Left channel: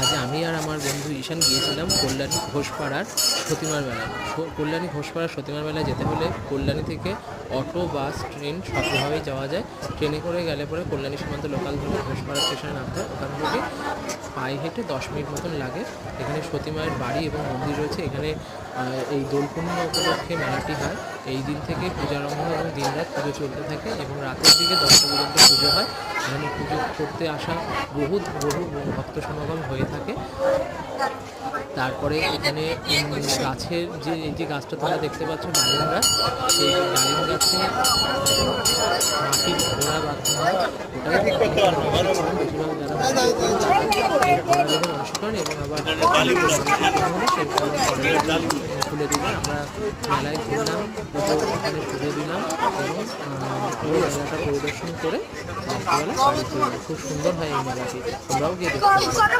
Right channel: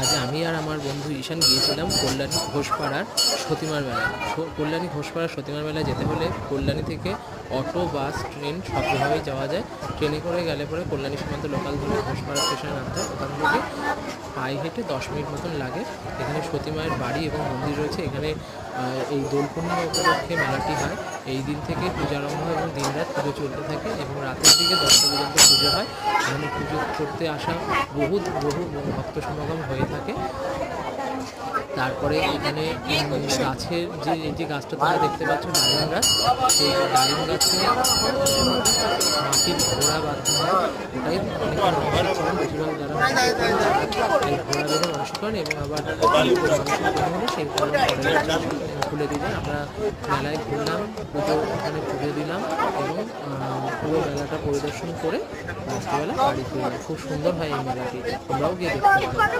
আজ আমি আর আমার বন্ধু ঈশান গিয়েছিলাম কল্যাণী ঘোষপাড়ার সতীমার মেলায়। কল্যাণী ঘোষপাড়ার সতীমার মেলায় যেতে হলে কল্যাণী থেকে অটো, বাস, ট্রেন সবভাবেই যাওয়া যায়। ট্রেনে করে গেলে পরে কল্যাণী সীমান্ত লোকাল ধরে ঘোষপাড়া স্টেশনে নামতে হয়। ওখান থেকে পায়ে হেঁটে 10 মিনিট মতন লাগে। এখানে সতী মায়ের বাড়ি এবং মন্দির রয়েছে। এখানে এই দোল পূর্ণিমা উপলক্ষে মেলাটি হয়। এই দিন থেকে পূজারম্ভ হয় এবং দিনরাত পুজো চলতে থাকে এবং রাতের দিকে 10টা পর্যন্ত পুজো হয়। এখানে পুজো করতে আসা বহু ভক্ত সমাগম হয়ে থাকে। তারপরে এখানে গাছের যে গাছটা তোমরা দেখতে পাচ্ছ, ডালিম গাছ, সেই ডালিম গাছে মাটির ঘোড়া বাঁধতে হয়। ওটাই অনেকে মানসিক করেন, বেশিরভাগ যারা মানসিক করেন তারা এই ঘোড়া বেঁধে মানসিক করেন এবং আবার মানসিক পূর্ণ হলে সেইটা আবার পরের বছর খুলে দিলেন। আমরা মেলায় ঘুরলাম, ওখানে পুজো দিলাম এবং পুরো মেলাটা পরিদর্শন করে রাত্রিবেলা বাড়ি ফিরলাম। খুব সুন্দর হয় এই মেলাটি, তোমরাও গিয়ে দেখতে পারো।